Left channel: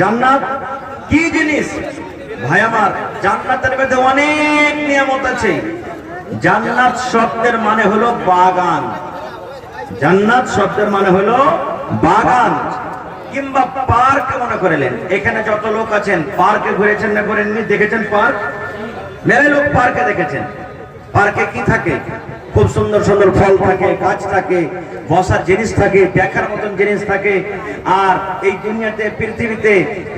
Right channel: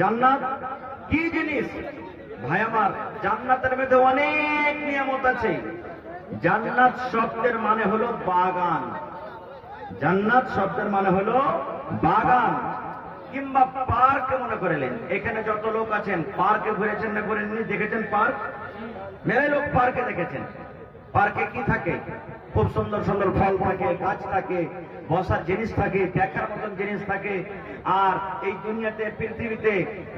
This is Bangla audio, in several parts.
জান্নাত কি জিনিস ভাই আমার? জান্নাতের মধ্যে অনেক নিয়ামত আছে। জান্নাত শব্দের মানে হলো বাগান। জান্নাত শব্দের মানে হলো বাগান কিংবা পার্ক মনে করেলেন। এখানে যত লোক আছেন পার্কে ঘুরেছেন না ঘুরেননি? দেখেছেন পার্ক? মেরে লোক পার্কে দেখেছেন। পার্কে কি থাকে? খুব সুন্দর সুন্দর ফল থাকে, গাছ থাকে, বসার জিনিস থাকে, দেখার মতন জিনিস থাকে। আর এই দুনিয়াতে পৃথিবীতে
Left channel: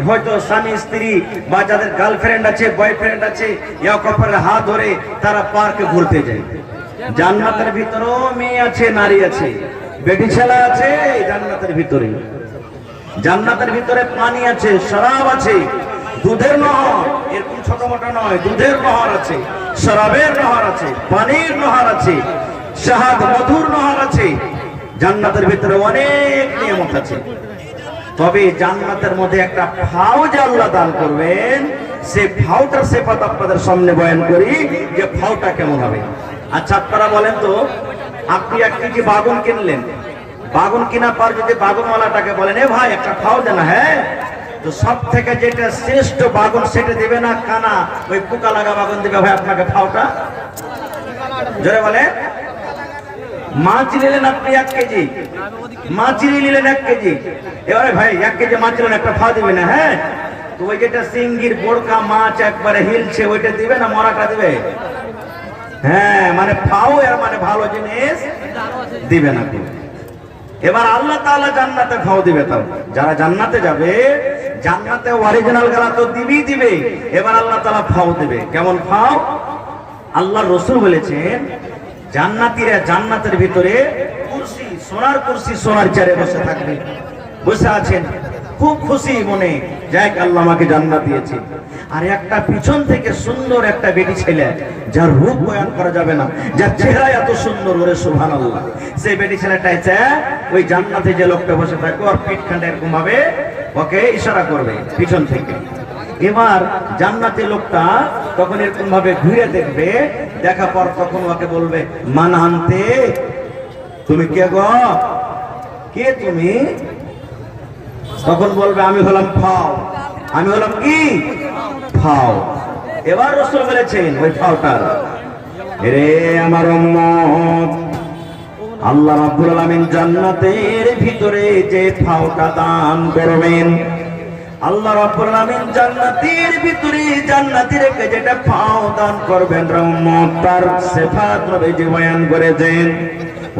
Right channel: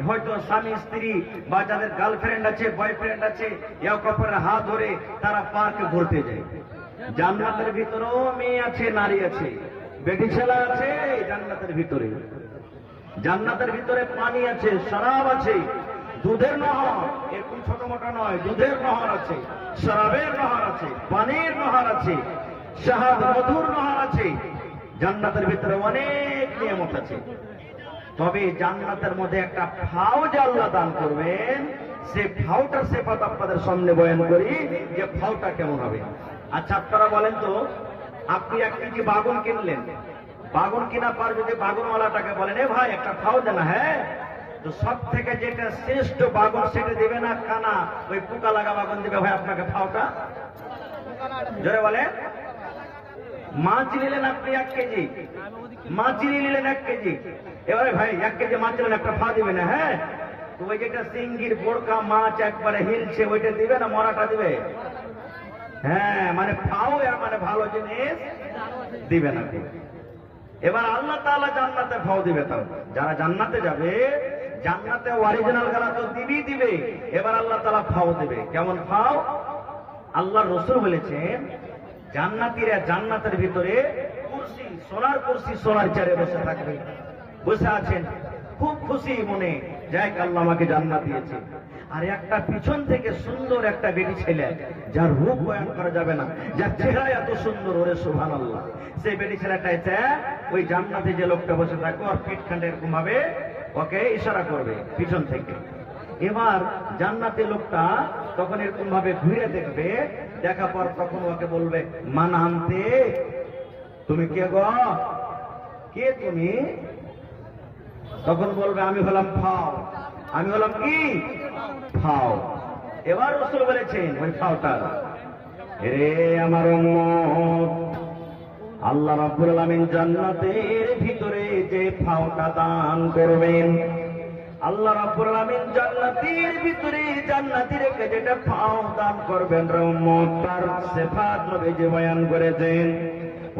হয়তো স্বামী স্ত্রী বা যাদের গার্লফ্রেন্ড আছে, বয়ফ্রেন্ড আছে, এক অপরের হাত ধরে তারা পার্কে ঘুরতে যায়। জান্নাতের ভিতরেও মেয়ে আছে, নারী আছে, বেটি ছেলে আছে জান্নাতের ভিতরে। জান্নাতের ভিতরে পানি আছে, শরাব আছে, দুধের নহর, এরকম ছোট মোটো নয়, দুধের নহর আছে, শরাবের নহর আছে, পানির নহর আছে, শাহাদ মধুর নহর আছে। জান্নাতের ভিতরে অনেক নিয়ামত আছে। তবে জান্নাতের মধ্যে একটা ফাও যে আল্লাহ দান করবেন, সে ফাওটার সিফাত আপনাদের সামনে বয়ান করি যে ফাওটা কেমন হবে। আচ্ছা আপনারা বলেন তো, আপনি 1 কেজি বাগুন কিনলেন, বাগুন কেনার পর যদি বাগুনওয়ালাটাকে বলেন এ ভাই একটা ফাও দেন, হ্যাঁ, তো সব থেকে যেটা শ্রেষ্ঠ বাগুন সেটা দেবে না কানা ওই পোকা লাগা বাগুন দেবে ভাই আপনাকে ফাওটা? জোরে বলে। মাছ নিলেন আপনি 1 কেজি, মাছরি নিলেন 1 কেজি, এবারে ভাই 1 কেজি মাছ নিলেন একটা ফাও দিবে না? হ্যাঁ, তো ওই যেটা সিঙ্গির বোরকা মাছ একবারে হিলছে ওইটা দিবে না মরাটা দিবে? হ্যাঁ, মানে ফাও এর মানে ভালো জিনিস দিবে না। এবার আল্লাহ তাআলা জান্নাতে ফাও দিবে। তাও যারা জান্নাতে যাবে, জান্নাতে অরিজিনাল গালা তো দিবেই দিবে, এবার আল্লাহ তাআলা ফাও দিবে। কেমন ফাও? আল্লাহর রাসূল বলেছেন জান্নাতীরা জান্নাতের ভিতরে কুরসি, সোনার কুরসি, সোনার চেয়ারে বসে থাকবে, বসে আছেন খুব খুশি মনে, যাক আল্লাহ আমাকে জান্নাত দিয়েছে। আর একটা পিছন থেকে সুন্দর একটা বেটি ছেলে, যার রূপ বয়ান করা যাবে না, যার চেহারা এত সুন্দর, ওরে সুবহানাল্লাহ, সেই বেটি ছেলেটা এসে ওই জান্নাতে যে লোকটা বসে থাকে ওর পিঠখানটা এরকম ভাবে ওকে ইশারা করবে পিছন থেকে। এবার জান্নাতে লোকটা তখন এরকম ভাবে ঘুরে দেখবে, দেখা পর তখন ওকে বলবে মান আনতে, তুমি কে গো, কে তুমি? তখন বলবে আমি হলাম ফাও। আমি হলাম কি? ফাও। এবার রাসূল বলেছেন ওই ফাওটার, রে আমার উম্মত, আল্লাহ রাব্বুল আলামিন জান্নাতের ভিতরে যে ফাওটা দান করবেন, আল্লাহ রাব্বুল আলামিন জান্নাতের ভিতরে জান্নাতীদেরকে যেটা ফাও দান করবেন রে উম্মত, তার সিফাত নবীজি বয়ান করেছেন।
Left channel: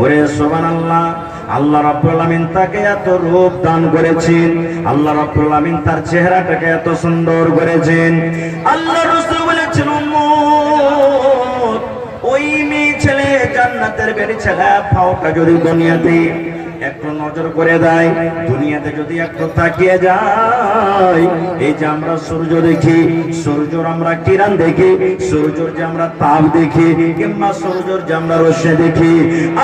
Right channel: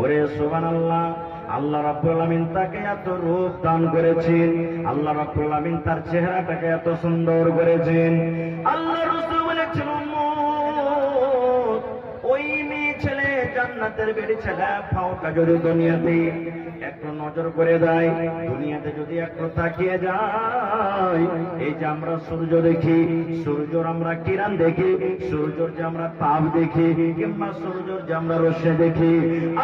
ওরে সুবহানাল্লাহ, আল্লাহ রাব্বুল আলামিন তাকে এত রূপ দান করেছেন, আল্লাহ রাব্বুল আলামিন তার চেহারাটাকে এত সুন্দর করেছেন। আল্লাহ রাসূল বলেছেন উম্মত, ওই মেয়ে ছেলে জান্নাতের বেটি ছেলে ফাওটা যদি দুনিয়াতে একটু নজর করে দেয়, দুনিয়াতে যদি একটু তাকিয়ে যায়, এই যে আমরা সূর্য দেখি, সূর্যর আমরা কিরণ দেখি, সূর্যর যে আমরা তাপ দেখি, কিংবা সূর্যর যে আমরা রশ্মি দেখি,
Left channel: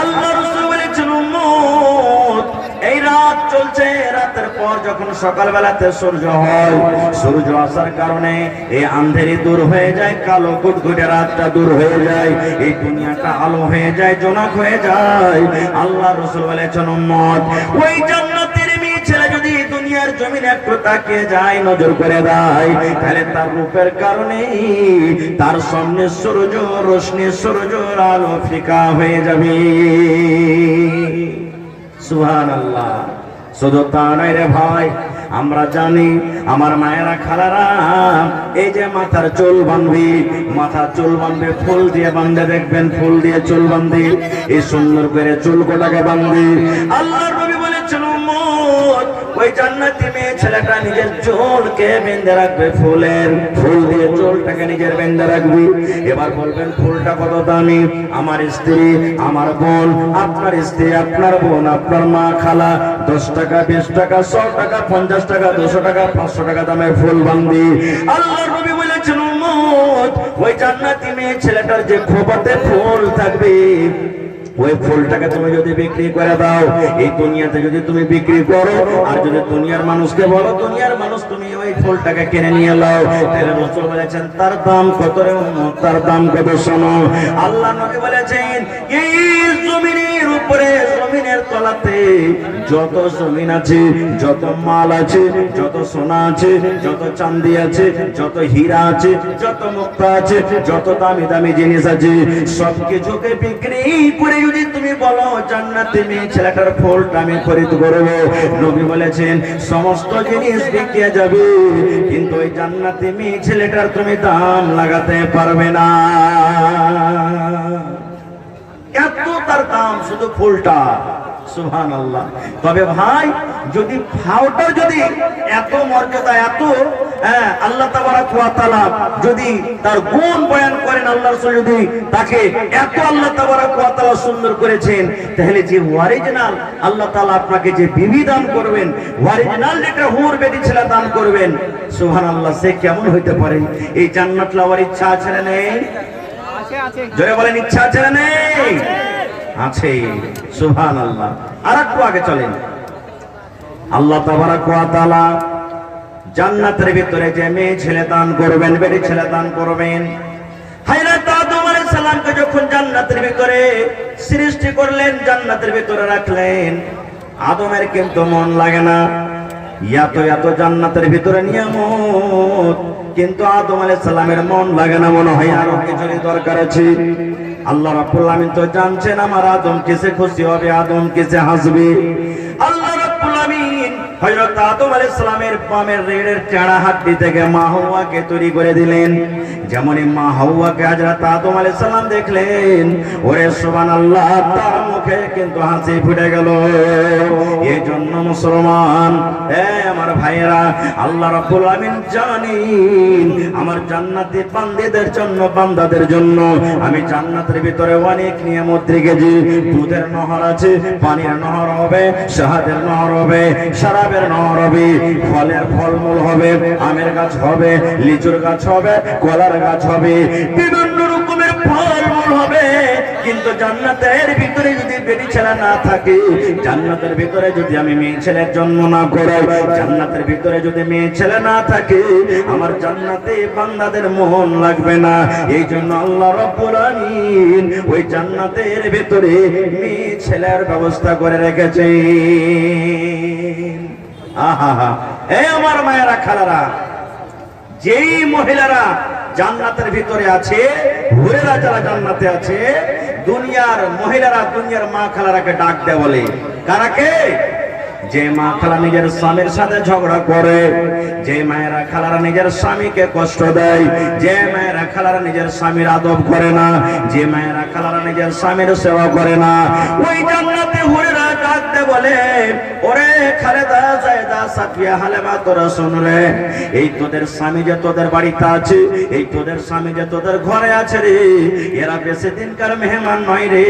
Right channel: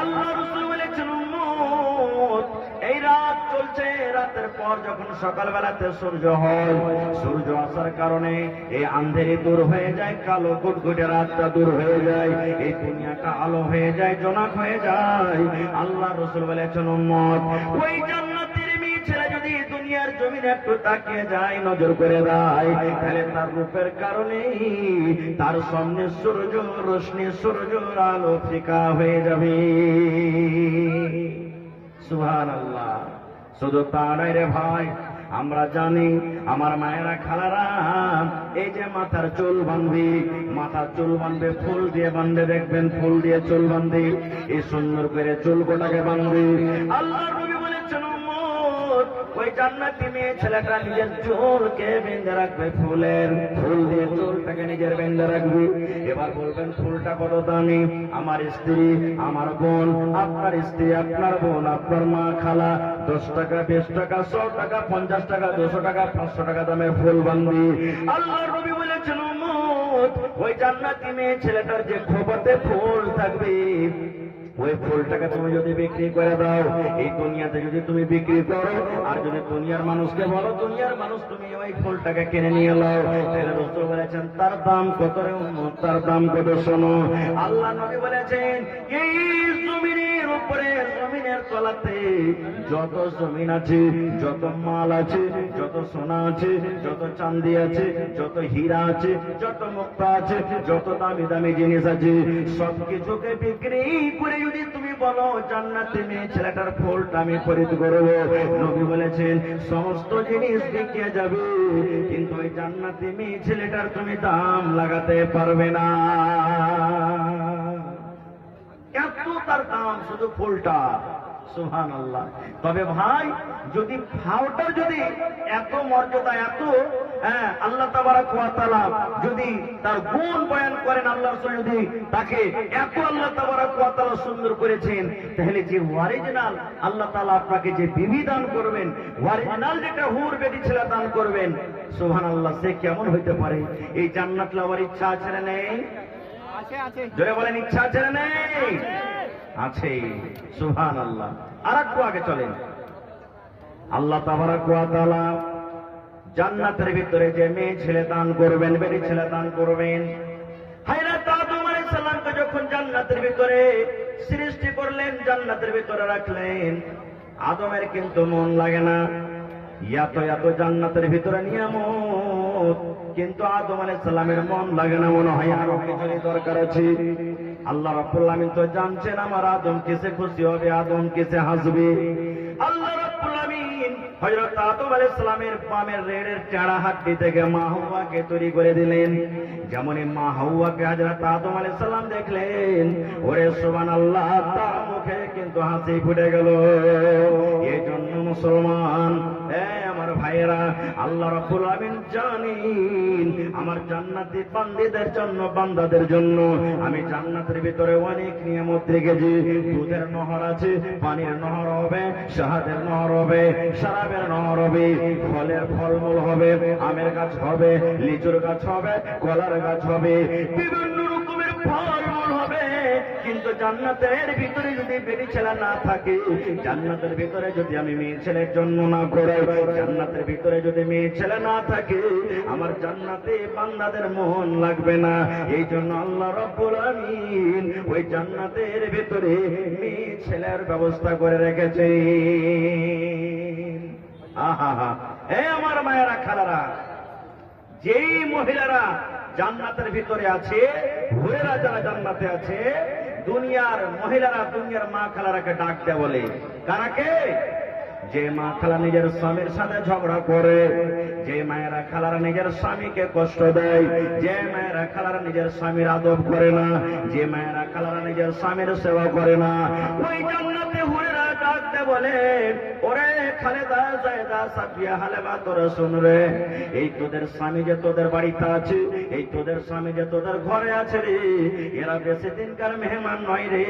আল্লাহ রাসূল বলেছেন উম্মত, এই রাত চলছে, রাতের পর যখন সকালবেলাতে সূর্য হয়, সূর্য আসার কারণে এই আঁধারি দূর হয়ে যায়, কালো কুটকুটে রাতটা দূর হয়ে যায়, এই দুনিয়াটা আলো হয়ে যায়, জোনাক হয়ে যায়। আল্লাহ রাসূল বলেছেন উম্মত, ওই জান্নাতের মেয়ে ছেলে যদি দুনিয়ার জমিনে একটু তাকিয়ে যায়, নজর করে দেয়, তাহলে তার রূপের কারণে তার সামনে সূর্য রশ্মি, সূর্যের আলো ফিকা হয়ে যাবে। সুবহানাল্লাহ। শুধু তা নয় রে ভাই, আমরা জানি আমার মায়েরা খালারা এই যে মাথার চুল বাঁধবি, মাথার চুল বাঁধবে ফুল দিয়ে বাঁধে, দেখবেন ফুল দিয়ে চুল বাঁধি, এই সুন্দর করে চুল গোটাকে বাঁধবি। আল্লাহর নবী বলেছেন উম্মত, ওই জান্নাতি মেয়ে ছেলেটা নিজের চুলকে বেঁধে রাখবে, ফুলের ফুল দিয়ে চুলটাকে নিজের বেঁধে রাখবি। এবার বলবেন ফুলটা কত দামি? আমার স্ত্রী, আমার বোন, আপনার স্ত্রী, আপনার বোন, আপনার মা, খালা 10 টাকা, 20 টাকা, 100 টাকা, 50 টাকা, 200 টাকা, 500 টাকা দামের ফুল বাঁধি। আল্লাহর নবী বলেছেন উম্মত, ওই জান্নাতি মেয়ে ছেলেটার যে খোপাতে ফুল থাকবে, ওই ফুলটাকে তুমি যদি বিক্রি করে দাও, এই দুনিয়াতে যদি তুমি বিক্রি করো, আর যদি দুনিয়ার মানুষকে বলো দুনিয়ার মানুষ তুমি ওই ফুলটাকে কিনে নিয়ে নাও, তাহলে রাসূল বলেছেন তার দাম কত রে উম্মত, তার দাম কত? শোনো, আল্লাহ নবী বলেছেন এই জমিনের উপরে, জমিনের তলাতে যত জমিন আছে, যত মাল আছে, যত সোনা আছে, যত চাঁদি আছে, যত হীরা আছে, যত মুক্তা আছে, যত দামি দামি জিনিস আছে, সবকিছুকে বিক্রি করে যদি তুমি বলো জান্নাতে মেয়ে ছেলেটার ফলটা আমি খরিদ করবো, নবী বলেছেন সমস্ত জিনিস বিকে যাবে, কিন্তু ওই জান্নাতে মেয়ে ছেলেটার তুমি দাম লাগাতে পারবে না। এত তার দাম শুধু ফুলটা, সুবহানাল্লাহ। তবে ভাই যদি ফাওটা যদি এত মর্যাদা, এত আল্লাহ তাবারক ওয়া তাআলা যদি তার গুণ বয়ান করেন, আল্লাহ রাসূল যদি তাকে এত আল্লাহ তাবারক ওয়া তাআলা সুন্দর করেছেন, তাহলে যে অরিজিনাল আল্লাহ তাআলা আপনাকে যে বিবি দান করবেন, অরিজিনাল যেটা হুর বেটি ছেলে দান করবেন, সুবহানাল্লাহ, সে কেমন হইতে পারে? এই জান্নাত লাওয়ার ইচ্ছা আছে না নেই? জোরে বলেন, ইচ্ছা আছে না নেই? আছে, সুবহানাল্লাহ। আর একটু আগে চলেন। আল্লাহ তাবারক ওয়া তাআলা জান্নাতের ভিতরে যে মেয়ে ছেলে দান করবেন, বেটি ছেলে দান করবেন, হযরত আদম আলাইহিস সালামকে যখন জান্নাতের ভিতরে সৃষ্টি করলেন, জান্নাতের ভিতরে রাখলেন, আদমের কিন্তু মন লাগে না। এত এত জান্নাতের ভিতরে নিয়ামত, কিন্তু আদম আলাইহিস সালামের মন লাগে না, মনে হয় আরো কিছু দরকার আছে। আল্লাহ রাব্বুল আমিন তো জানছেন আমার আদম কিসে খুশি হবে, আদম কিসে হাসবে। আল্লাহ রাব্বুল আমিন হযরত আদম আলাইহিস সালামের বামের রেড়ের চাড়া হাড্ডি থেকে মা হাওয়াকে তৈরি করে দিলেন। যেমনই মা হাওয়াকে হযরত আদম আলাইহিস সালাম দেখলেন, ওরে সুবহানাল্লাহ, তার মুখে কিন্তু হাসি ফুটে গেল। এই জন্য মুসলমান, আমার ভাইয়েরা, আল্লাহ রাব্বুল আমিন জানেন আমার জান্নাতি বান্দাদের জন্য, বান্দাদের জন্য আমি জান্নাতের ভিতরে অনেক নিয়ামত রেখেছি। দুধের নহর আছে, পানির নহর হবে, শাহাদের নহর হবে, শরাবের নহর হবে, ফলের ফলমূল হবে, আমের গাছ হবে, লিচুর গাছ হবে, কলার গাছ হবে, বিভিন্ন রকমের ফলমূল হবে। কিন্তু জান্নাতের ভিতরে যদি বেটি ছেলে না থাকে, জান্নাতের ভিতরে যদি আমি মেয়ে ছেলের জন্ম না করাই, জান্নাতের ভিতরে যদি মেয়ে ছেলে না থাকে, আমার জান্নাতে বান্দাদের মন লাগবে না। এই জন্য আল্লাহ রাব্বুল আমিন ওই জান্নাতের ভিতরে মেয়ে ছেলের ব্যবস্থা করে রেখেছেন। আহা, এই আমার মায়েরা, খালারা, যেই মহিলারা জান্নাতের ভিতরে আছে, হুরেরা যারা জান্নাতে আছে, দুনিয়ার মহিলারা, দুনিয়ার মা খালারাকে ডাক দেয়, বলে কারাকে? যে মা খালা নিজের স্বামীর সাথে ঝগড়া করে, যে মায়েরা খালারা নিজের স্বামীকে কষ্ট দেয়, যে মায়েরা খালারা নিজের স্বামীর আদব করে না, যে মায়েরা খালারা নিজের স্বামীর সেবা করে না, ওই জান্নাতে হুরেরা ডাক দেয়, বলে ওরে খালেদা, জায়দা, সাফিয়া, হালেমা, তোরা শোন রে, এই তোদের স্বামী যে তোদের বাড়িতে আছে, এই তোদের স্বামী যে তোদের ঘরে আছে রে, এরা বেশি দিনকার মেহমান নয় রে,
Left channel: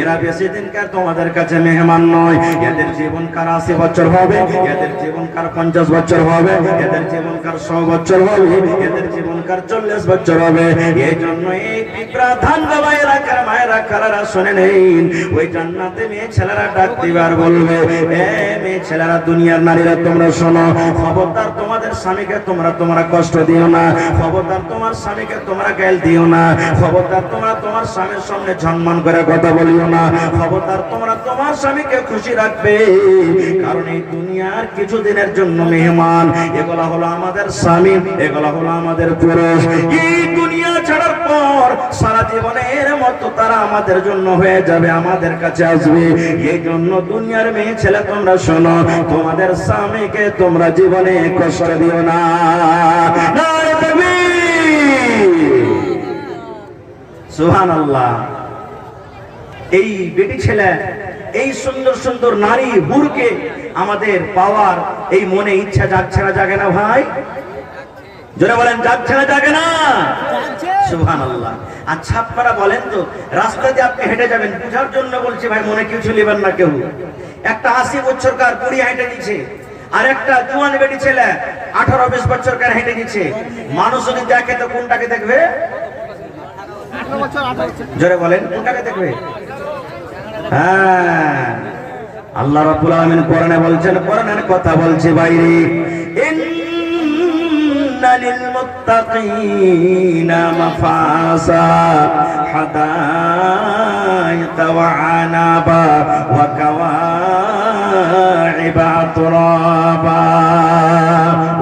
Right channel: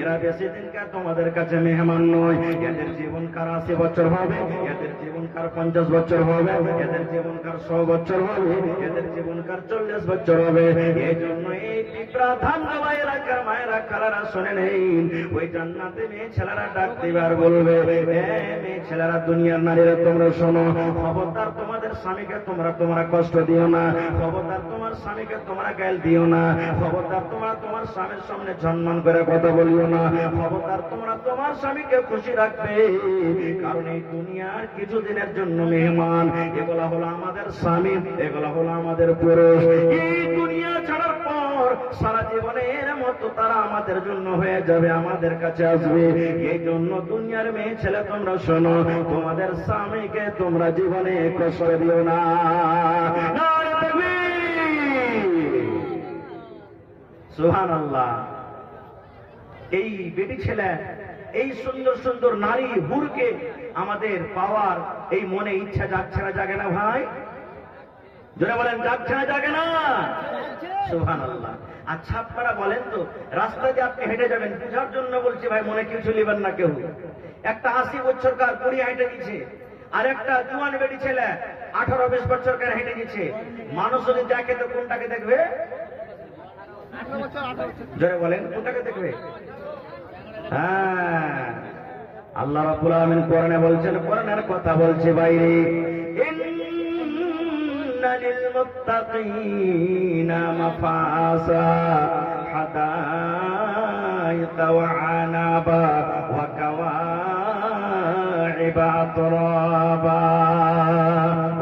এরা বেশি দিনকার তোমাদের কাছে মেহমান নয়। এদের জীবনকার 80 বছর হবে, এদের জীবনকার 50 বছর হবে, এদের জীবনকার 100 বছর হবে, এদের জীবনকার 40 বছর হবে। এই জন্য এই প্রাধান বাবাইরা, মায়েরা, খালারা শুনে নেন, ওই জান্নাতে মেয়ে ছেলেরা ডাক দিবার বলবে, মেয়ে ছেলেরা, দুনিয়ার নারীরা, তোমরা শোনো, খবরদার তোমাদের স্বামীকে তোমরা কষ্ট দিও না, খবরদার তোমার স্বামীকে তোমরা গাল দিও না, খবরদার তোমরা তোমার স্বামীর সামনে সম্মান করে কথা বলিও না, খবরদার তোমরা তোমার স্বামীকে খুশি রাখবে, কারণ এই দুনিয়ার কিছুদিনের জন্য মেহমান, এগুলা হলো আমাদের স্বামী, এগুলা হলো আমাদের পুরুষ। এই দুনিয়া ছাড়ার পর সারা জীবনের মতো তারা আমাদের জন্য হয়ে যাবে, আমাদের কাছে আসবে। এই জন্য দুনিয়ার মেয়ে ছেলে, তোমরা শোনো, তোমাদের স্বামীকে তোমরা জীবনে কষ্ট দিও না। সুবহানাল্লাহ। এই বেটি ছেলে, এই সুন্দর সুন্দর নারী হুরকে আমাদের পাওয়ার এই মনে ইচ্ছা জাগছে না, জাগে না ভাই? জোরে বলেন, যাচ্ছে না, জাগে না? সুবহানাল্লাহ। আচ্ছা আপনারা বলেন তো, রাস্তা দিয়ে আপনি হেঁটে যাবেন, বুঝার জন্য বলছি ভাই, মনে কিছু নেবেন না কেউ। একটা 80 বছরকার বুড়ি হেঁটে নিচ্ছে, আর একটা জোয়ান বেটি ছেলে 18-20 বছরকার হেঁটে নিচ্ছে, মানুষ যদি দেখে তো কোনটাকে দেখবে? জোরে বলেন, কোনটাকে দেখবে? হ্যাঁ, আল্লাহ রাব্বুল আলামিন কোরআনে বলছেন, কোরআনের কথা বলছে বাইরে, লিল মুত্তাকিনা মাফাসা হাদাইকা ওয়া আনাবা ওয়া কাওয়া তুরাবা।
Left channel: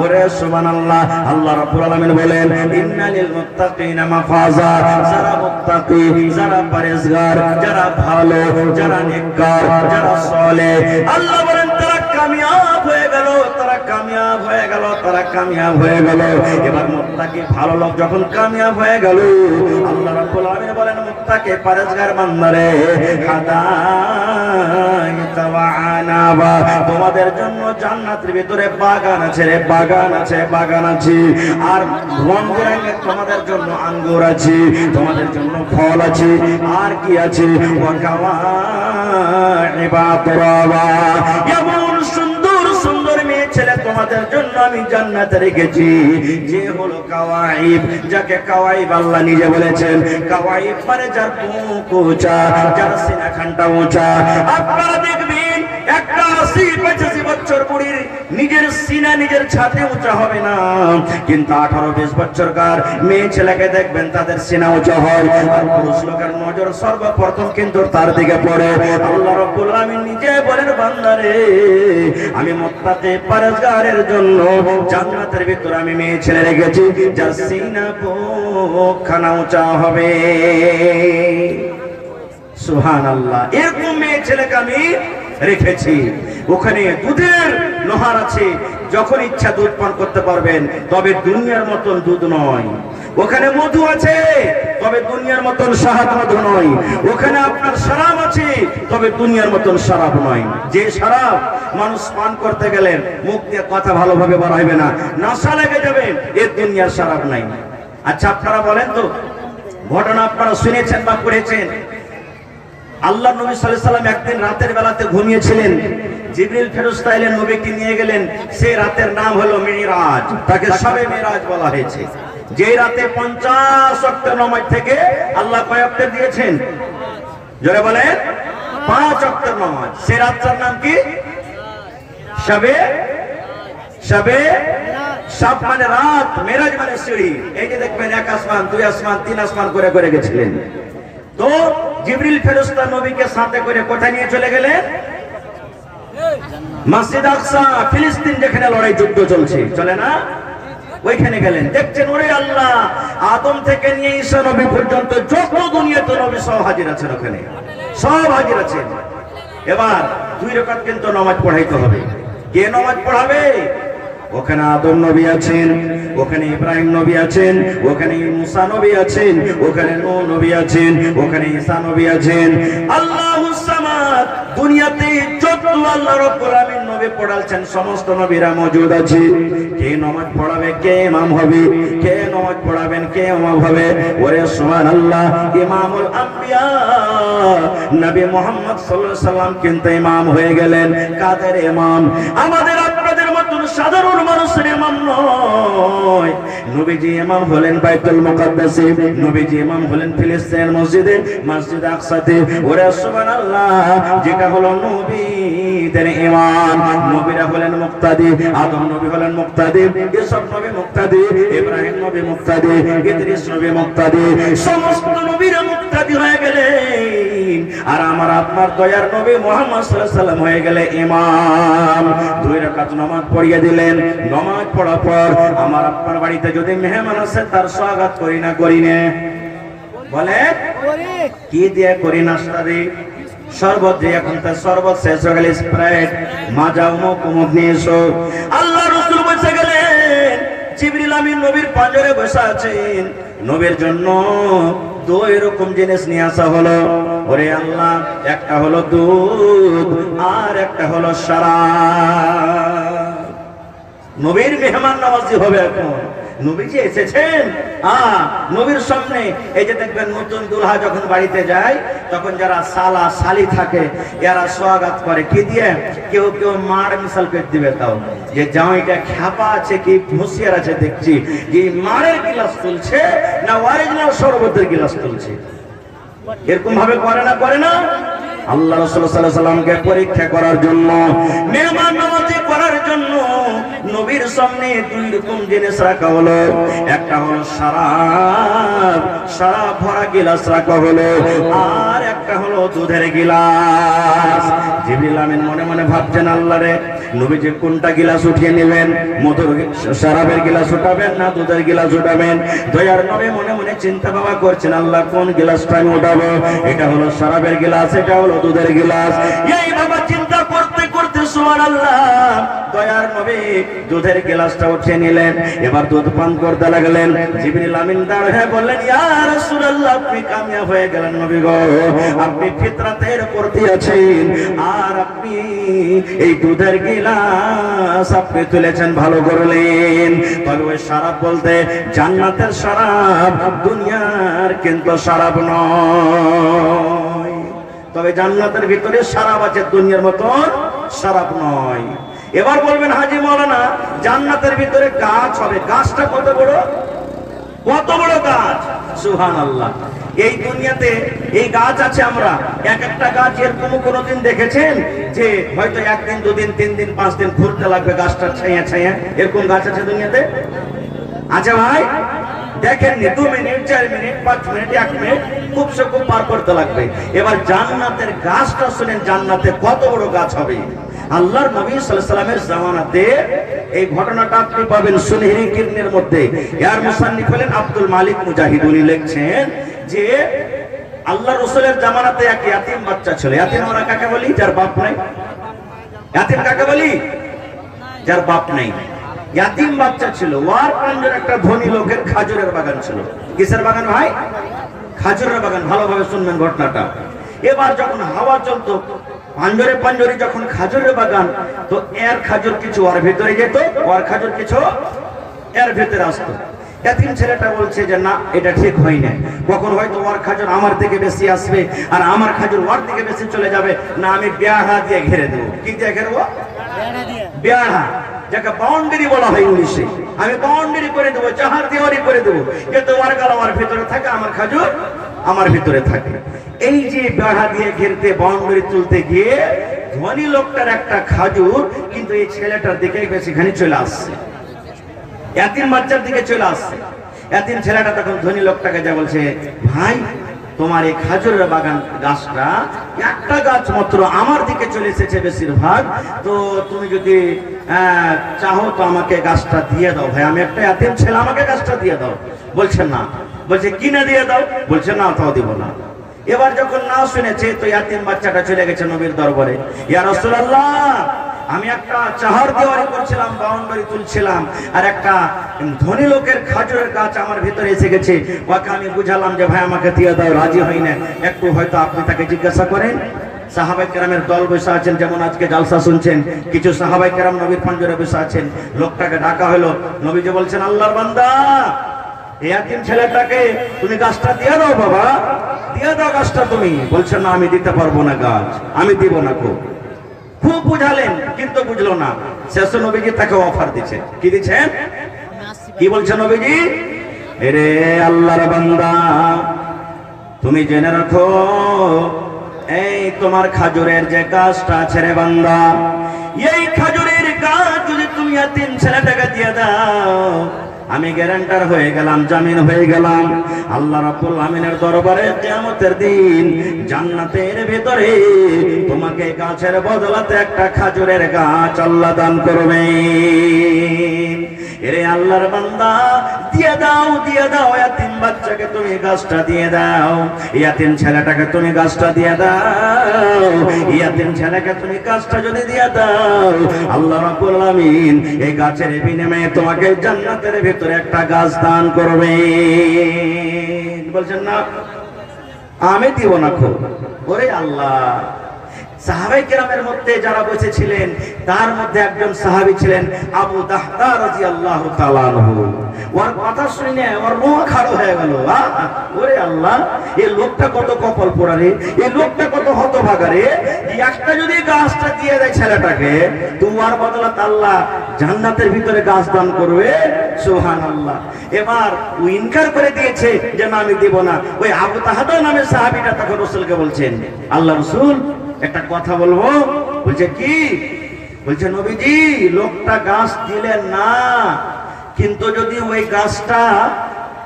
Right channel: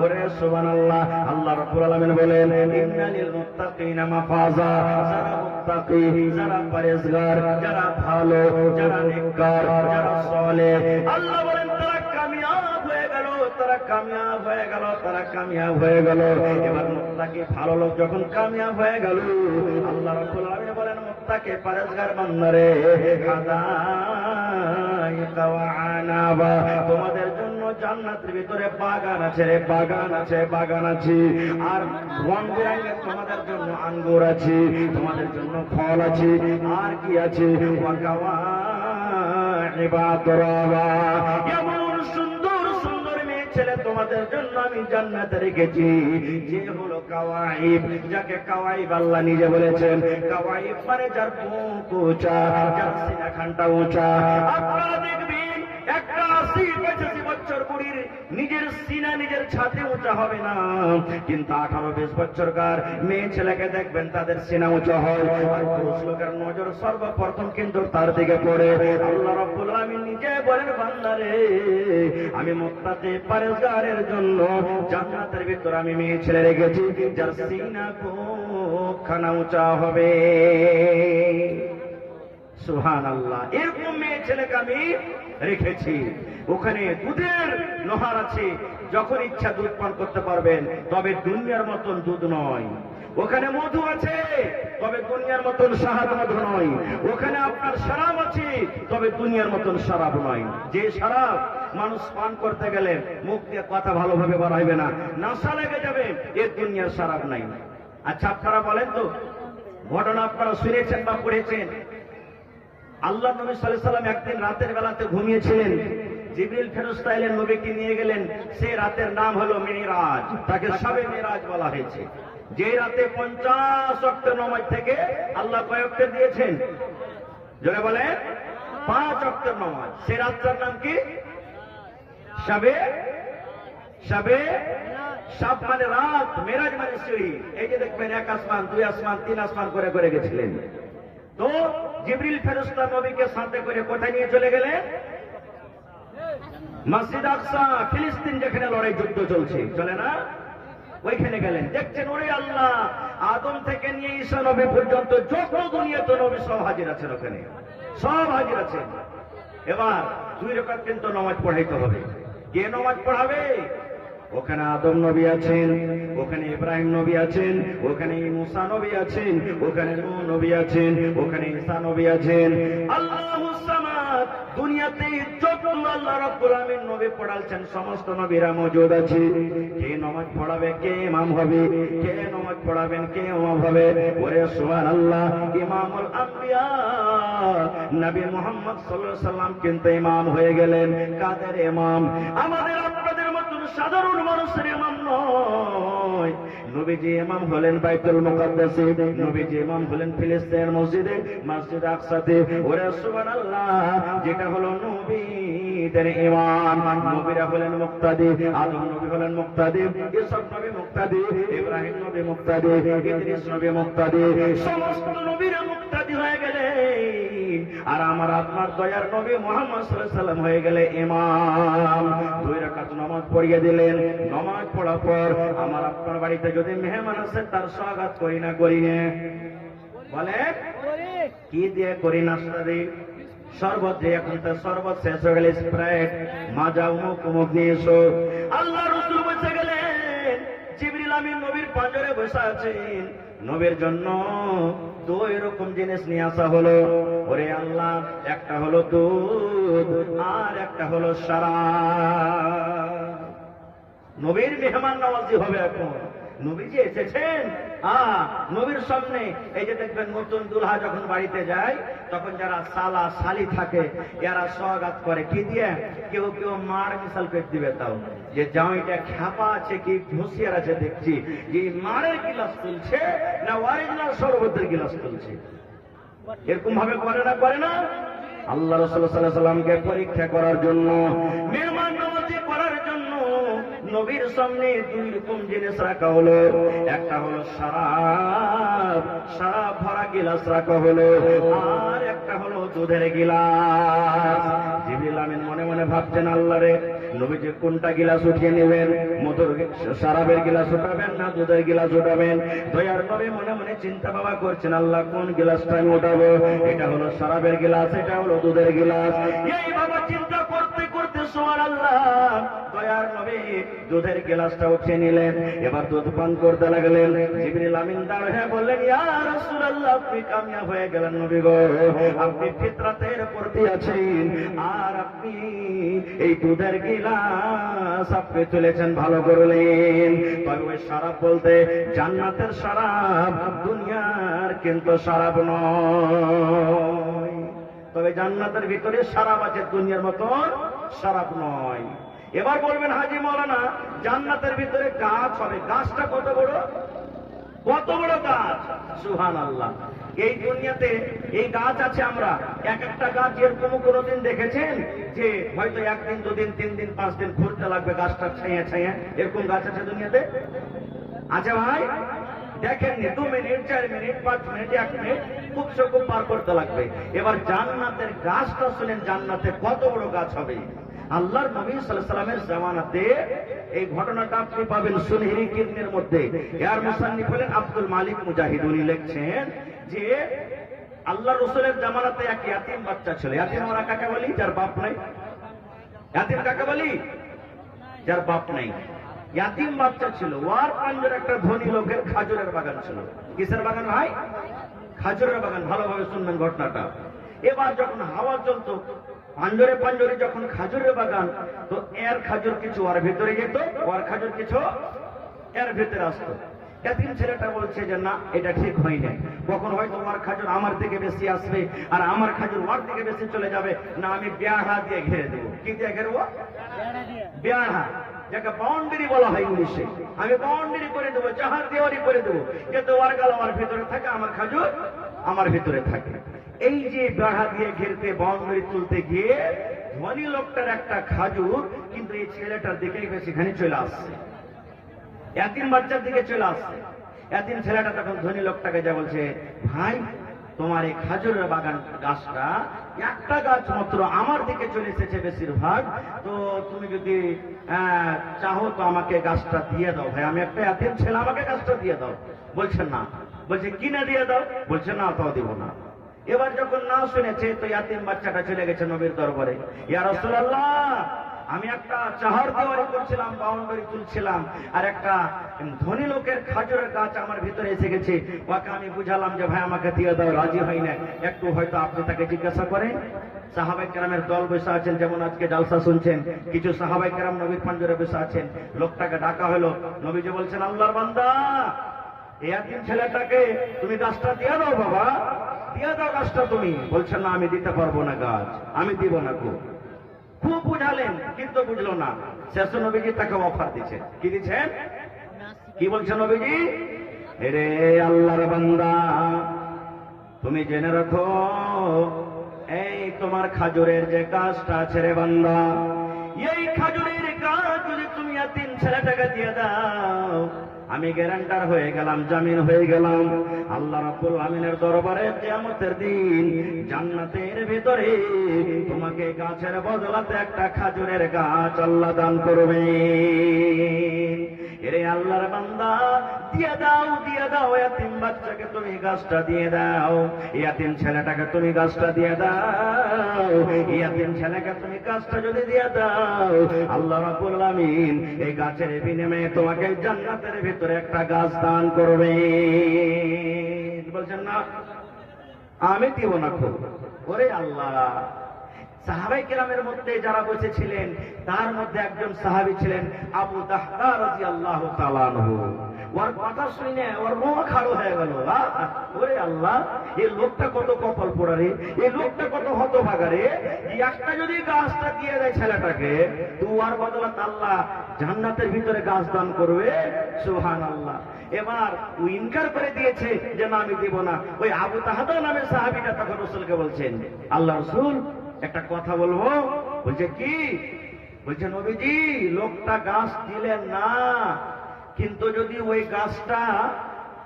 ওরে সুবহানাল্লাহ, আল্লাহ রাব্বুল আলামিন বলেন ইন্নালিল মুত্তাকিনা মাফাজা। যারা মুত্তাকি, যারা পরেজগার, যারা ভালো, যারা নেককার, যারা সালেহ, আল্লাহ বলেন তারা কামিয়াব হয়ে গেল, তারা কামিয়াব হয়ে গেল, তারা কামিয়াব হয়ে গেল। এবার মুত্তাকি ভালো লোক যখন কামিয়াব হয়ে গেল, আল্লাহ রাব্বুল আলামিন বলেন মুত্তাকি পরেজগার বান্দারে হাদাইতা ওয়া আনাবা, তোমাদের জন্য জান্নাতের ভিতরে বাগান আছে রে, বাগান আছে, বাগান আছে। আর রং বেরঙের তোমাদের জন্য আঙ্গুর আছে, তোমাদের জন্য ফল আছে। আর কি আছে? ওয়া কাওয়াইবা তুরাবা, এমন সুন্দর সুন্দর মেয়ে ছেলে তোমাদের জন্য আমি জান্নাতে রেখেছি, যে হলো কাওয়াইব, যাকে কাওয়াইব আল্লাহ নিজে বলেছেন। কাওয়াইব মানে যার বুক উঁচা, যার সিনাখানটা উঁচা। আপনারা দেখবেন একটা 80-85 বছর বুড়ির নিজের সিনা নিজের ছাতে উঁচা হবে না, কিন্তু 18-20 বছরকার মেয়ে ছেলেকে দেখবেন তাদের সিনা উঁচা হয়। আর পুরুষ লোকের নজর সর্বপ্রথম কিন্তু তার দিকে পড়ে। আল্লাহ রাব্বুল আলামিন নিজে বলেন বান্দারে আমি মুত্তাকি পরেজগারের জন্য জান্নাতের ভিতরে আমি মেয়ে ছেলে রেখেছি, যার সিনা বুকখানা উঁচা হবে। সুবহানাল্লাহ, এরকম মেয়ে ছেলেকে আমি রেখেছি। ওখানে দুধের নহর আছে, যখন ইচ্ছা দুধ পান করতে পারবেন, তবে দুনিয়ার মতন দুধ নয়। ওখানে মধু আছে, তবে দুনিয়ার মতন শাহাদ মধু নয়। ওখানে আপনার শরাব আছে, তবে দুনিয়ার মতন শরাব নয়। যে শরাব মানুষ পান করতে গেলে মুখ দিয়ে কথা ভালোভাবে বার হবে না, নেশা লেগে যাবে, এর দুনিয়ার শরাব নাই। আচ্ছা আপনারা বলেন তো, ঘটনা আপনারা শুনেছেন বা পড়েছেন? আল্লাহ নবী সাল্লাল্লাহু আলাইহি সাল্লাম একদিন রাতের বেলাতে ঘুমিয়েছিলেন, জিবরিল ফেরেশতা এলেন, নবীকে নিয়ে গেলেন। সেই রাতের নাম হলো মিরাজ, তাকে শবে মিরাজ বলা হয়েছে। যে রাতে 50 ওয়াক্ত নামাজ থেকে আল্লাহ কয় ওয়াক্ত দিয়েছেন? জোরে বলেন, 5 ওয়াক্ত নামাজ। সেই রাতটার নাম কি? শবে শব মানে রাত, মিরাজ মানে সিঁড়ি। এই যে দেখবেন 1 আসমান, 2 আসমান, 3 আসমান করে করে গেছিলেন। তো জিবরিল ফেরেশতা নবীকে সাথে করে কোথায় নিয়ে চলে গেলেন? মসজিদ আকসা, ফিলিস্তিন, যেখানে লড়াই যুদ্ধ চলছে, চলে না, ওইখানে গেলেন। দেখছেন ওরে আল্লাহ, আদম থেকে নিয়ে ঈসা নবী পর্যন্ত যত দুনিয়াতে নবী সব হাজির আছেন, ওখানে সব হাজির আছেন। এবার 2 রাকাত কিন্তু নামাজ পড়াইতে হবে। কে নামাজ পড়াবে? ওখানে আদম নবী আছেন, ওখানে ইব্রাহিম নবী আছেন, ওখানে মুসা নবী আছেন, ওখানে নূহ নবী আছেন, ওখানে ঈসা নবী আছেন। আল্লাহুস সামাদ, দুনিয়াতে যত আল্লাহ রাব্বুল আলামিন নবী পড়াচ্ছেন সমস্ত নবীরা মওজুদ আছে। কে নামাজ পড়াবে? কে ইমাম হবে? কে নামাজ পড়াবেন? কে ইমাম হবে? ওরে সুবহানাল্লাহ, ইমামুল আম্বিয়া নবী মুহাম্মদ সাল্লাল্লাহু আলাইহি সাল্লাম কিন্তু ইমাম হয়ে গেলেন। কাদের ইমাম? আমাদের আপনাদের মতন সাধারণ মানুষের ইমাম নয়। নবীজি ইমাম হলেন বাইতুল মুকাদ্দাসে, নবীজি ইমাম হলেন ফিলিস্তিনের মসজিদে, মসজিদ আকসাতে। ওরে সুবহানাল্লাহ, যেটা হলো নবীদের ইমাম। নবীরা হলেন মুক্তাদি, আদম নবী হলেন মুক্তাদি, ইসব নবী মুক্তাদি, ইব্রাহিম নবী মুক্তাদি, ইদ্রিস নবী মুক্তাদি, সমস্ত নবীরা মুক্তাদি হয়ে গেলেন। আর আমার আপনার দয়ার নবী মুহাম্মদ সাল্লাল্লাহু আলাইহি সাল্লাম হয়ে গেলে ইমাম। 2 রাকাত নামাজ পড়িয়ে দিলেন। নামাজ পড়ার পর আমার আপনার বাড়িতে যদি মেহমান আসে, তার স্বাগত করি না করি না? বলে কি দিয়ে করি? নাস্তা দিই, শরবত দিয়ে। এখন তার শরবত শেষ হয়ে গেলে স্প্রাইট, মাজা, মুখ নিয়ে এসো। আল্লাহ রাসূল বসে গেলেন, জিবরিল আমিন নবীর পাঁজরে বসে আছেন। নবীর জন্য 2 এরকম জিনিস নিয়ে আসা হলো। ওরে আল্লাহ, একটা হলো দুধ আর একটা হলো শরাব। নবীর মেহমান নওয়াজি হবে এখন। নবীজি এসেছেন, নবীর সামনে এই যে দেখবেন নতুন দুলহা যখন বাড়িতে যায়, তখন যারা সালা সালি থাকে এরা স্বাগত করে কি দিয়ে? কেউ কেউ মার মিশাল করে দিবে, তাও যে জামাইটা খ্যাপা আছে কি হুঁশিয়ার আছে দেখছি, যে মারের গিলাস তুলছে না অরিজিনাল শরবতের গিলাস তুলছে। এরকম ভাবে করে না? করে না? আল্লাহ রাসূল সাল্লাল্লাহু আলাইহি সাল্লামকে পরীক্ষা করার জন্য, মেহমান নওয়াজি করার জন্য নবীর সামনে দুই রকম জিনিস রাখা হলো, একটা হলো শরাব, শরাব ভরা গিলাস রাখা হলো, আর একটা হলো দুধের গিলাস। জিবরিল আমিন মনে মনে ভাবছেন, আল্লাহ রে, নবীজি কোনটা গিলাস উঠিয়ে নেবেন, মধুর শরাবের গিলাস উঠাবেন না দুধের গিলাস উঠাবেন? দয়ার নবী মনে মনে চিন্তা ভাবনা করছেন, আল্লাহ কোন গিলাসটা আমি উঠাবো? এটা হলো শরাবের গিলাস, এটা হলো দুধের গিলাস। এই বাবা চিন্তা করতে করতে সুবহানাল্লাহ, দয়ার নবী দুধের গিলাসটা উঠিয়ে নিলেন, এবার দুধ পান করতে লাগলেন। জিবরিল আমিন দাঁড়িয়ে বললেন, ইয়া রাসূলুল্লাহ, আপনি কামিয়াব হয়ে গেলেন নবী গো, আপনি ফিতরাতের প্রতি আছেন, আর আপনি এই দুধের গিলাস আপনি তুলেছেন, ভালো করলেন। তবে ওই শরাব বলতে জান্নাতের শরাব, দুনিয়ার কিন্তু শরাব নয়। তবে জান্নাতের ভিতরে শরাব আছে, দুনিয়ার মতন শরাব নয়। এবার বলবেন, হাজী মাওলানা, জান্নাতের ভিতরে গাছ হবে, গাছটা কত বড়? কত বড় গাছ! সুবহানাল্লাহ। এই দুনিয়াতে এই গাছ আছে, আমরা এক একটা গাছ এরকম কোনদিন দেখেছেন যে হয়তো একদিন দুদিন তিন দিন পাঁচ দিন ঘুরতে লাগবে গাছটা ছায়া ছায়া? এরকম গাছ আছে দুনিয়াতে? আচ্ছা ভাই, দেখেননি, 2 মিনিট 4 মিনিট 5 মিনিট 1 মিনিট খুব সে খুব পার করতে লাগবে। এবার জান্নাতের গাছটা শুনেন, জান্নাতে কত বড় গাছ হবে। আল্লাহর নবী সাল্লাল্লাহু আলাইহি ওয়াসাল্লামের জামানাতে এই ঘটনাটা আপনি পাবেন সুনহরি কিরনের মধ্যে। এর মুসান্নিফ হলেন আব্দুল মালিক মুজাহিদ। উনি লিখছেন যে আল্লাহ রাসূলের জামানাতে এক ইয়াতিম বাচ্চা ছিল। ইয়াতিম আমরা কাকে বলি? যার বাপ নাই। ইয়াতিম কাকে বলি? যার বাপ নাই। ইয়াতিম বাচ্চা ছিল, ওয়ার পাঞ্জের একটা ধনী লোকের খাজুরের বাগান ছিল। কিসের বাগান ভাই? খাজুরের বাগান। ভালোভাবে শুনবেন ঘটনাটা। এবার যখন হাওয়া চলতো, পাঞ্জরে পাঞ্জরে যখন খাজুরের বাগান, তো এর খাজুর কিছু ওর ভিতরে যেত, ওর খাজুর কিছু এর ভিতরে আসতো। ইয়াতিম ছেলেটা বলছে যে না, এটা ঠিক হয় না, কখন হয়তো ওর খাজুর আমার থেকে বেশি আসবে আর আমার খাজুর ওর থেকে বেশি চলে যাবে, না আমি বেড়া দিয়ে ঘিরে দেবো। কি দিয়ে ঘেরবো? বেড়া, যাকে বাউন্ডারি বলা হয় ইংলিশে। আমি বাউন্ডারি করে দেবো, চাহার দেওয়ারি করে দেবো, কিন্তু ওর গাল আমার ভিতরে থাকে, আমার খাজুর আমার ভিতরে থাকে। এই যে বেড়া দিয়ে ঘিরতে বাউন্ডারি তুলতে গিয়ে ধনী লোকটার একটা খাজুর কিন্তু এই ছেলেটার দিকে বেশিখানি চলে আসছে, ইয়াতিম বাচ্চার দিকে চলে আসছে। ইয়াতিম ছেলেটা তখন ধনী লোকটাকে যা বলছে, ভাই তোমার এই খাজুরের বাগান গাছটা একটা গাছ মাত্র আমার দিকে চলে এসেছে বেশিরভাগ, তো তুমি যদি চাহো তো আমাকে গাছটা দিয়ে দাও। ভাই আমি একটা ইয়াতিম ছেলে, আমাকে গাছটা দিয়ে দাও। বলছে না। বলছে কিনে দিয়ে দাও? বলছে না, তাও দিব না। এবার যখন না শুনেছে, তো ইয়াতিম বাচ্চাটা চলে গেছে নবীর দরবারে। ইয়া রাসূলুল্লাহ, আমি একটা চাহার দেওয়ারি করছিলাম, বাউন্ডারি তুলছিলাম, আর একটা ধনী লোকের খাজুরের গাছ আমার ভিতরে এসে গেছে। ওকে আমি বুঝালাম যে ভাই আমাকে দিয়ে দাও, রাজি হয় না। একটু হয়তো আপনি তাকে জিজ্ঞাসা করেন। সাহাবায়ে কেরামের দল বসে আছেন, যেমন আজকে জালসা শুনছেন, কিছু সাহাবায়ে কেরাম নবীর পাঞ্জরে বসে আছেন। লোকটাকে ডাকা হলো, নবীজি বলছেন, আল্লাহর বান্দা, ইয়াতিম ছেলেটাকে তুমি গাছটা দিয়ে দাও, বাবা দিয়ে দাও গাছটা তুমি। বলছে না, আমি দিতে পারবো না গাছ, আমি দিব না। খুব বুঝালেন কিন্তু বুঝলো না। শেষ নবীজি তাকে অফার দিচ্ছে। কি দিচ্ছেন? কি বলছে নবীজি? এরে আল্লাহর বান্দা, তুমি জেনে রাখো, এই তোমার খাজুরের যে গাছটা আছে রে বান্দা, এই খাজুরের গাছ যদি তুমি ইয়াতিম ছেলেটাকে দিয়ে দাও, আমি গ্যারান্টার হয়ে গেলাম, জামিন হয়ে গেলাম, আল্লাহ রাব্বুল আমিনের দরবারে কিয়ামতের দিন জান্নাতের ভিতরে তোমাকে গাছের বদলাতে একটা খাজুরের গাছ আল্লাহ দান করবে। এরে আল্লাহর বান্দা, দিয়ে দাও, দিয়ে দাও, ইয়াতিম বাচ্চাকে তুমি গাছটা দিয়ে দাও, ইয়াতিম ছেলেটাকে তুমি গাছটা দিয়ে দাও। ইয়াতিম ছেলেকে তুমি গাছটা যদি দিয়ে দাও, আল্লাহ রাব্বুল আমিন এই গাছের বিনিময়ে তোমাকে জান্নাতের ভিতরে একটা গাছ দান করবে। বলছেন না, আমি দিব না। খুব ওরে আল্লাহ। সাহাবায়ে কেরামের মধ্যে যারা বসেছিলেন, তার মধ্যে একজন সাহাবী ছিলেন আবু দাহদা রাদিয়াল্লাহু তাআলা আনহু। ওর কথা শুনে ওর মুখ খাড়া হয়ে গেল। ওরে আল্লাহ, এই লোকটা কত কপাল পোড়া রে, এই লোকটা কত হতভাগা রে। একটা যদি গাছটা দিয়ে দেয় ছেলেটাকে, তোমার বদলাতে আল্লাহ জান্নাতের ভিতরে গাছ দান করবে। সুবহানাল্লাহ। এবার ও ইনকার করে দিয়েছে যে না, আমি দেব না। ওই আবু দাহদা নামের সাহাবীটা তখন রাসূলকে বলছেন, আল্লাহ রাসূল একটা কথা বলবো। বলছে কি? বলছে নবীজি লোকটা গাছ দিলেন না, কিন্তু যদি ওই গাছটা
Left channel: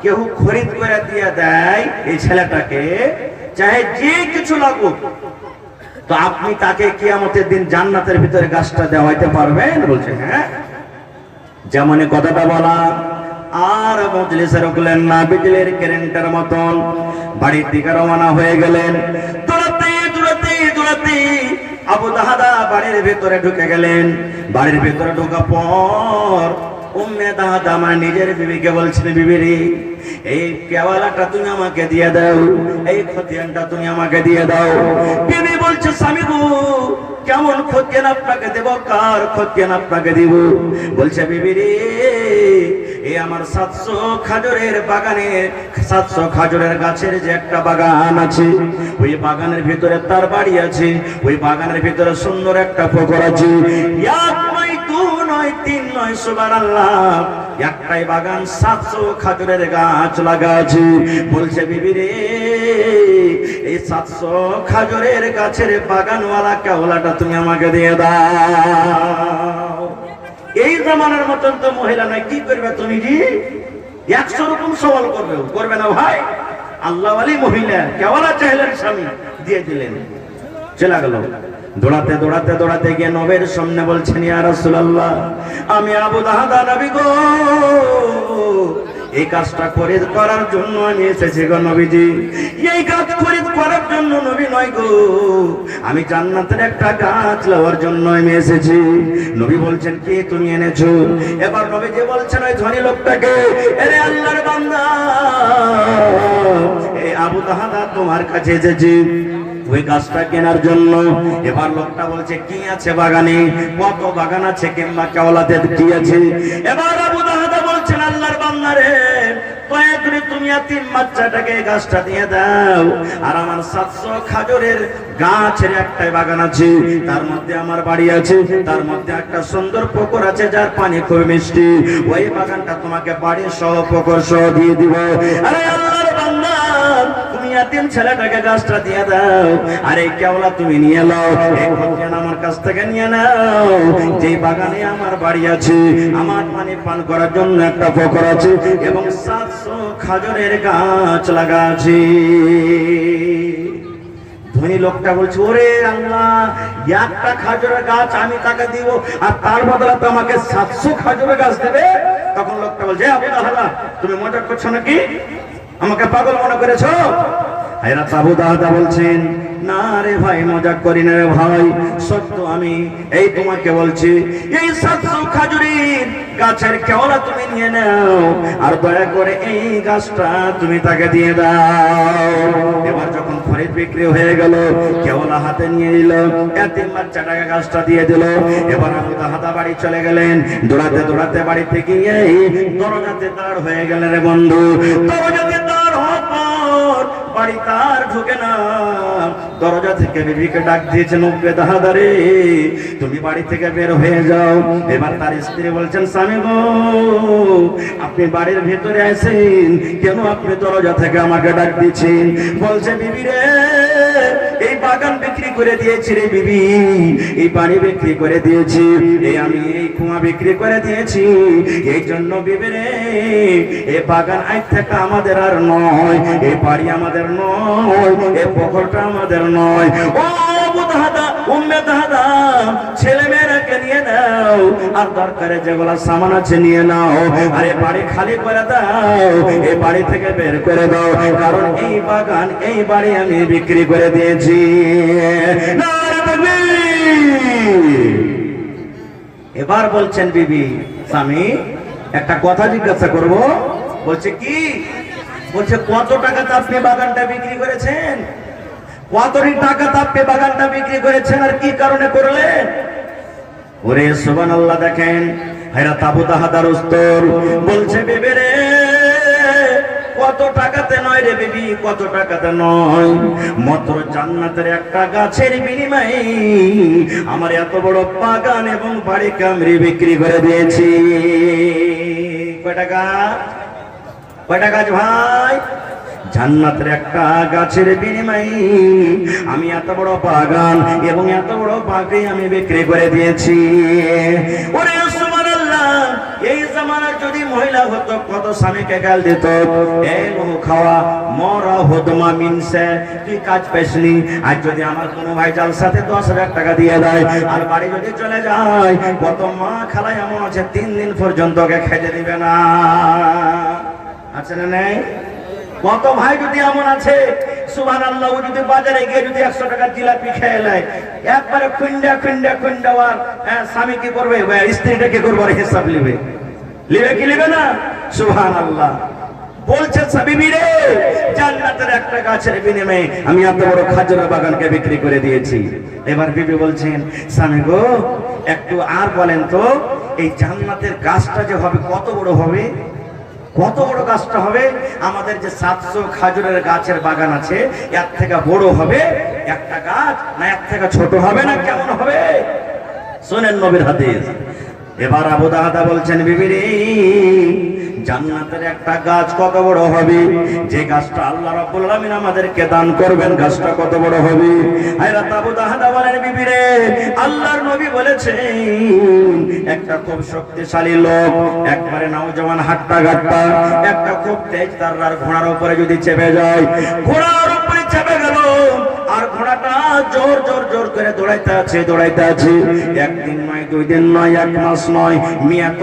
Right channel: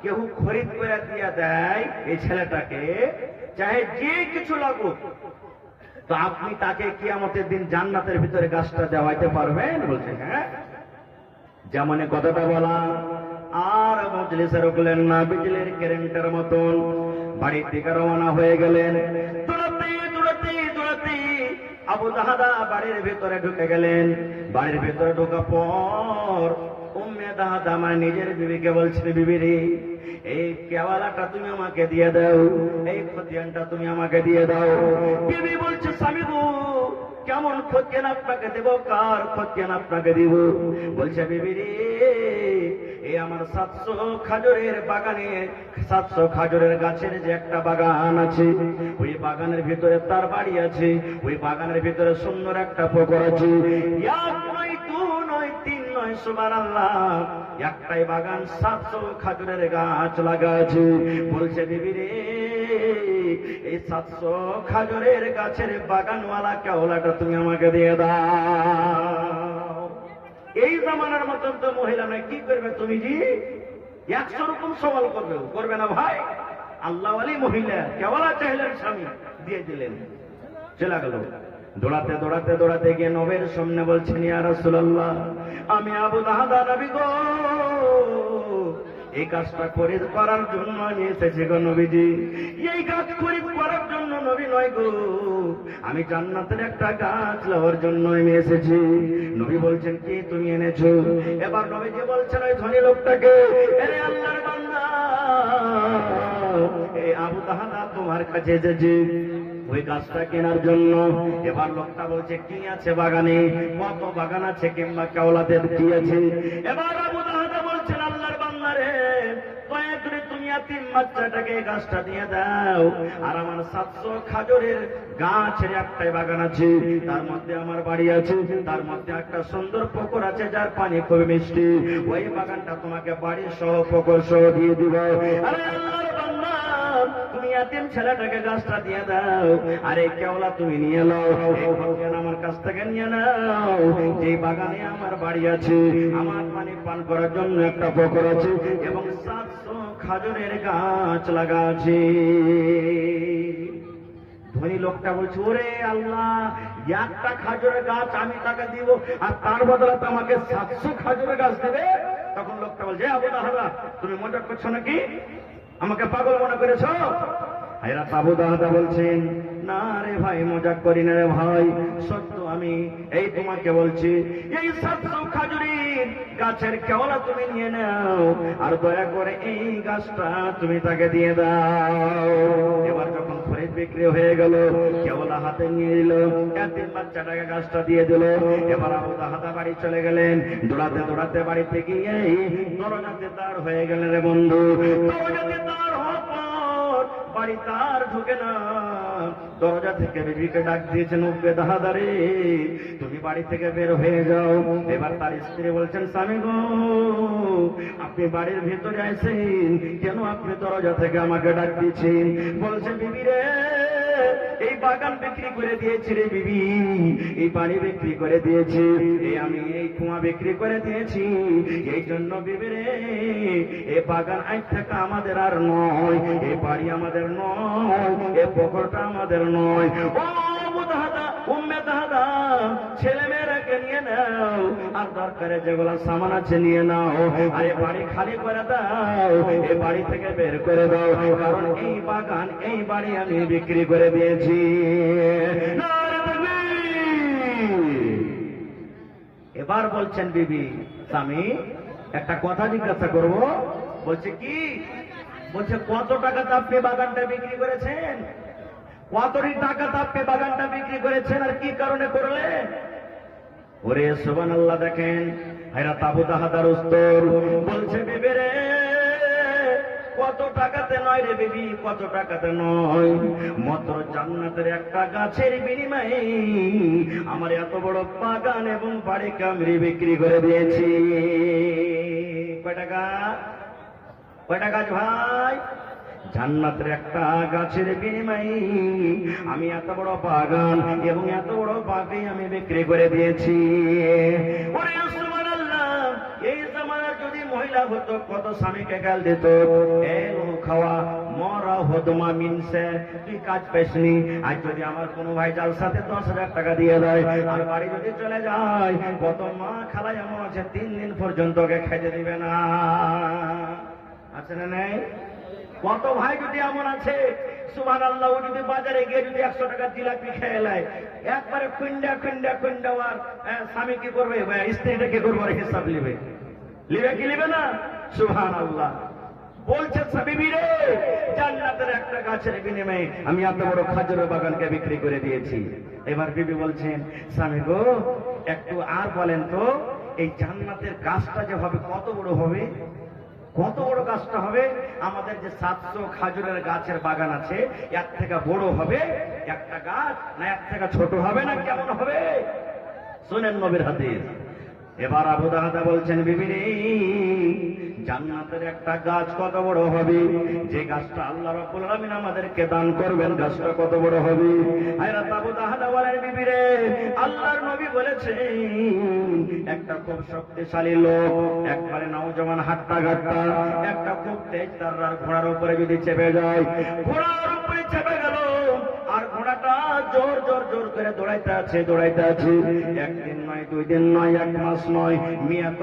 কেউ খরিদ করে দিয়ে দেয় এই ছেলেটাকে, চাহে যে কিছু লাগুক, তো আপনি তাকে কিয়ামতের দিন জান্নাতের ভিতরে গাছটা দেওয়াইতে পারবেন? বলছে হ্যাঁ। যেমনই কথাটা বলা, আর মজলিসে রুকলেন না, বিজলির কারেন্টের মতন বাড়ির দিকে রওনা হয়ে গেলেন। দৌড়াতে দৌড়াতে দৌড়াতে আবু দাহাদা বাড়ির ভিতরে ঢুকে গেলেন। বাড়ির ভিতরে ঢোকার পর উম্মে দাহাদা আমার নিজের বিবিকে বলছেন, বিবি রে, এই কেওয়ালাটা তুমি আমাকে দিয়ে দাও, এই খতিয়ানটা তুমি আমাকে দিয়ে দাও। বিবি বলছে, স্বামী গো, কেমন খতিয়ান আপনাকে দেব, কার খতিয়ান আপনাকে দিব? বলছে, বিবি রে, এই আমার 700 খাজুরের বাগানের 700 খাজুরের গাছের যে একটা বাগান আছে, ওই বাগানের ভিতরে তার বাড়ি আছে, ওই বাগানের ভিতরে সুন্দর একটা পুকুর আছে। এক নয়, দু নয়, তিন নয়, সুবহানাল্লাহ, একটাই বাগান, 700 খাজুরের গাছ লাগা আছে। বলছে, বিবি রে, এই 700 খাজুরের গাছের বাগানওয়ালা কেওলাটা তুমি আমাকে দিয়ে দাও। এই জামানার মতন তো মহিলা নাই, কি করবে তুমি জি? 100 রকম সওয়াল করবে না ভাই। আল্লাহ ওয়ালি মহিলা কেওয়ালা চাইলেন, স্বামী দিয়ে দিলেন। চলে গেল দৌড়াতে দৌড়াতে দৌড়াতে গিয়ে নবীর সামনে বলছেন, ইয়া রাসূলুল্লাহ, আমি আবু দাহাদা নবী গো, এই কাজটা খরিদ করার জন্য আমি এসেছি গো নবীজি। এই কাজ খরিদ করার জন্য নবী নয় গো, আমি জান্নাতের একটা গাছ লওয়ার জন্য আমি এসেছি। নবী বলছেন, কি তুমি এনেছো? এবার নবীজি বলছেন ওই ধনী লোকটাকে, আরে আল্লাহর বান্দা, এই আবু দাহাদা তোমার কাছে এসেছি ওই গাছটা কেনার জন্য। এবার লোকটা বলছে, কি আছে বাগানে, কত বাগান আছে, কিংবা কেওলাতে কি আছে? এবার আবু দাহাদা বলছেন, আল্লাহর বান্দা রে, দয়া করে তুমি এতিম বাচ্চাটাকে গাছটা দিয়ে দাও। আর আমার 700 খাজুরের গাছের একটাই বাগান আছে, তার মধ্যে আমার বাড়ি আছে, তার মধ্যে একটা সুন্দর পুকুর আছে যার পানি খুব মিষ্টি। ওই বাগানটা তোমাকে বাড়ির সহ পুকুর সহ দিয়ে দিব। আরে আল্লাহর বান্দা, তুমি এতিম ছেলেটাকে গাছটা দিয়ে দাও, আর এই কেওলা তুমি নিয়ে নাও, এই খতিয়ান আমার কাছ থেকে নিয়ে নাও। যে বাগানে আমার বাড়ি আছে, আমার পানি পান করার জন্য একটা পুকুর আছে, এবং 700 খাজুরের গাছ লাগা আছে। ধনী লোকটা বলছে, ওরে আল্লাহ, একটা খাজুরের গাছ আমি তাকে দিব, আর তার বদলে তো আমাকে 700 খাজুরের গাছ দেবে? তখন লোকটা বলছে, আবু দাহাদা, তুমি মজা করছো নাকি? আমাকে পাগল মনে করেছো? হযরত আবু দাহাদা বলছেন, না রে ভাই, মজা করি না রে ভাই, সত্য আমি এই তোমাকে বলছি, এই 700 খাজুরের গাছের কেওলা তুমি নিয়ে নাও, আর দয়া করে এই গাছটা তুমি তাকে দিয়ে দাও। এবার যখন খরিদ বিক্রি হয়ে গেল, কেওলা হাতে নিয়ে নিল, এতিম বাচ্চাটাকে গাছটা দিয়ে দিল। এবার আবু দাহাদা বাড়ি চলে গেলেন। দৌড়াতে দৌড়াতে বাড়ি থেকে দরজাতে দাঁড় হয়ে গেলেন রে বন্ধু। দরজাতে দাঁড় হওয়ার পর বাড়ি তার ঢুকে না, দরজা থেকে বিবিকে ডাক দিয়েছেন, উম্মে দাহাদা রে, তুমি বাড়ি থেকে বের হয়ে যাও। এবার তার স্ত্রী বলছেন, স্বামী গো, আপনি বাড়ির ভিতরে আছেন কেন? আপনি দরজা থেকে আমাকে ডাক দিচ্ছেন? বলছে, বিবি রে, এই বাগান বিক্রি করে দিয়েছি রে বিবি, এই বাড়ি বিক্রি করে দিয়েছি, এই আমি এই কুয়া বিক্রি করে দিয়েছি, এই জন্য বিবি রে, এই বাগান আজ থেকে আমাদের আর নয়, এই বাড়ি আমাদের নয়, এই পুকুরটা আমাদের নয়। ও আবু দাহাদা, উম্মে দাহাদা, ছেলে মেয়েরাকে নিয়ে নাও, আর দরকারে যেগুলা সামান আছে নিয়ে নাও, আর এই বাড়ি খালি করে দাও, এই বাড়ি থেকে বের করে দাও, কারণ এই বাগান, এই বাড়ি আমি বিক্রি করে দিয়েছি। এবার বলছেন বিবি, স্বামী একটা কথা জিজ্ঞাসা করব। বলছে, কি? বলছে, কত টাকাতে আপনি বাগানটা বিক্রি করেছেন? কত টাকাতে আপনি বাগানটা বিক্রি করেছেন, আর কি কারণে করলেন? ওরে সুবহানাল্লাহ, দেখেন হযরত আবু দাহাদার উত্তর। বলছে, বিবি রে, কত টাকাতে নয় রে বিবি, কত টাকাতে নয়, মাত্র জান্নাতের একটা গাছের বিনিময়ে আমার এত বড় বাগান এবং বাড়ি কামরি বিক্রি করে দিয়েছি। কয় টাকা? কয় টাকা ভাই? জান্নাতের একটা গাছের বিনিময়ে আমি এত বড় বাগান এবং এত বড় বাগান আমি বিক্রি করে দিয়েছি। ওরে সুবহানাল্লাহ, এই জামানার যদি মহিলা হতো কত স্বামীকে গাল দিত, এই বহু খাওয়া মরা হদমা মিনসে, তুই কাজ পেছনি। আর যদি আমার কোনো ভাই জালসাতে 10,000 টাকা দিয়ে দেয় আর বাড়ি যদি চলে যায়, কত মা খালাই এমন আছে 3 দিন পর্যন্ত ওকে খেতে দিবে না। আছে না নেই? কত ভাই যদি এমন আছে সুবহানাল্লাহ, ও যদি বাজারে গিয়ে যদি 100 টাকার জিলাপি খেয়ে নেয়, একবারে খুন্ডা স্বামী কি করবে, স্ত্রীটা কি করবে, হিসাব লিবে কি লিবে না? সুবহানাল্লাহ। বলছেন বিবি রে, জান্নাতের একটা গাছের বিনিময়ে আমি এত বড় খাজুরের বাগানকে বিক্রি করে দিয়েছি। এবার বিবি বলছেন, স্বামী গো একটু আর বলেন তো, এই জান্নাতের গাছটা যে হবে কত বড় হবে, কত বড় গাছটা হবে? আমাদের যে 700 খাজুরের গাছের বাগান আছে, এর থেকে বড় হবে একটা গাছ, না এর থেকে ছোট হবে, না কেমন হবে? শোনেন নবীর হাদিস। এবার আবু দারদা বলছেন, বিবি রে, জান্নাতের একটা গাছ কত বড় হবে, যে গাছটা আল্লাহ রাব্বুল আলামিন আমাদেরকে দান করবেন, গাছটা কত বড় হবে? হযরত আবু দারদা বলেন, বিবি রে, আল্লাহর নবী বলেছেন একটা খুব শক্তিশালী লোক, একবারে নওজওয়ান হাট্টা গাট্টা, একটা খুব তেজ তাররার ঘোড়ার উপরে যদি চেপে যায়, ঘোড়ার উপরে চেপে গেল আর ঘোড়াটা জোর জোর জোর করে দৌড়াইতে আছে। একদিন নয়, 2 দিন নয়, 1 মাস নয়, মিয়াত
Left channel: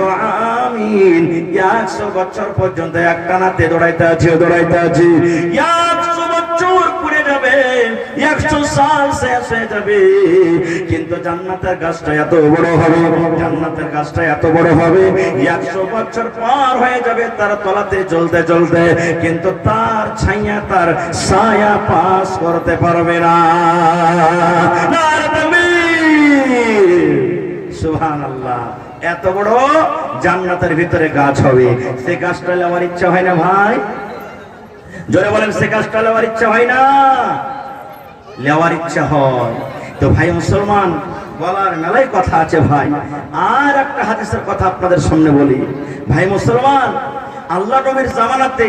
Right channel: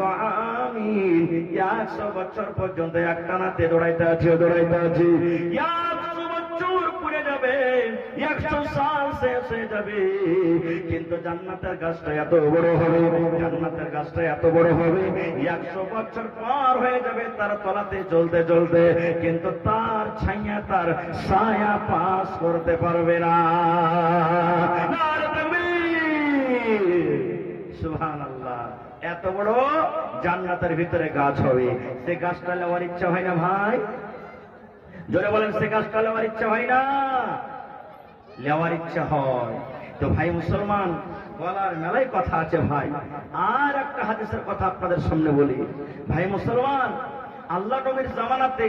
আমিন 100 বছর পর্যন্ত একটানাতে দৌড়াইতে আছে। 100 বছর পুরে যাবে, 100 সাল শেষ হয়ে যাবে, কিন্তু জান্নাতের গাছটা এত বড় হবে, জান্নাতের গাছটা এত বড় হবে, 100 বছর পার হয়ে যাবে তার তলাতে চলতে চলতে, কিন্তু তার ছায়া তার ছায়া পাস করতে পারবে না। সুবহানাল্লাহ। এত বড় জান্নাতের ভিতরে গাছ হবে, সে গাছটা নেওয়ার ইচ্ছা হয় না ভাই? জোরে বলেন, সে গাছটা নেওয়ার ইচ্ছা হয় না? নেওয়ার ইচ্ছা হয়। তো ভাই মুসলমান, বলার মেলায় কথা আছে ভাই। আর একটা হাদিসের কথা আপনাদের সামনে বলি। ভাই মুসলমান, আল্লাহ নবীর জামানাতে